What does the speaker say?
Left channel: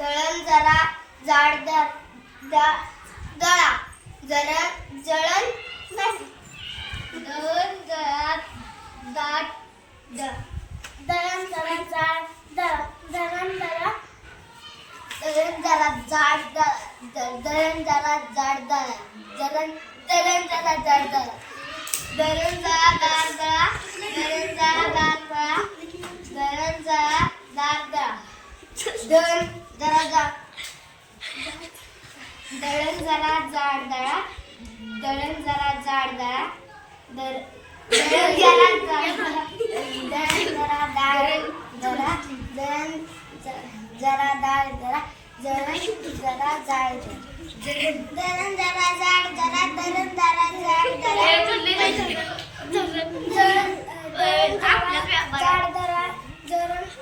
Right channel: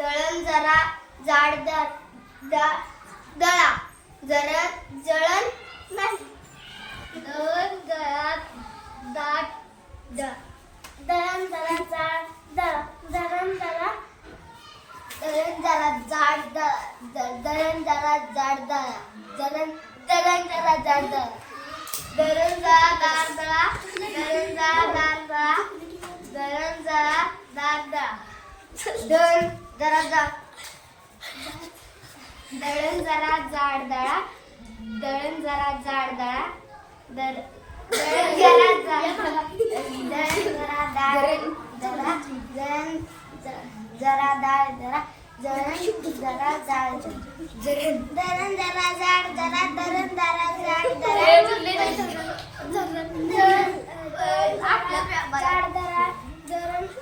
दळण जरा जाड दळा जळण नाही दळण जरा दाट दळण जरा जाड दळण जरा जाड दळण जरा जाड दळण जरा जाड दळण जरा दार दळा दळण जरा दार दळा दळण जरा दार दळा दळण जरा जाड दळण जरा जाड दळा दळण जरा जाड दळा दळण जरा दळण जरा दाळ दळा दळण जरा दाळ दळा दळण जरा जाड दळण जरा जाड दळा दळण जरा जाड दळा जाड दळा दळण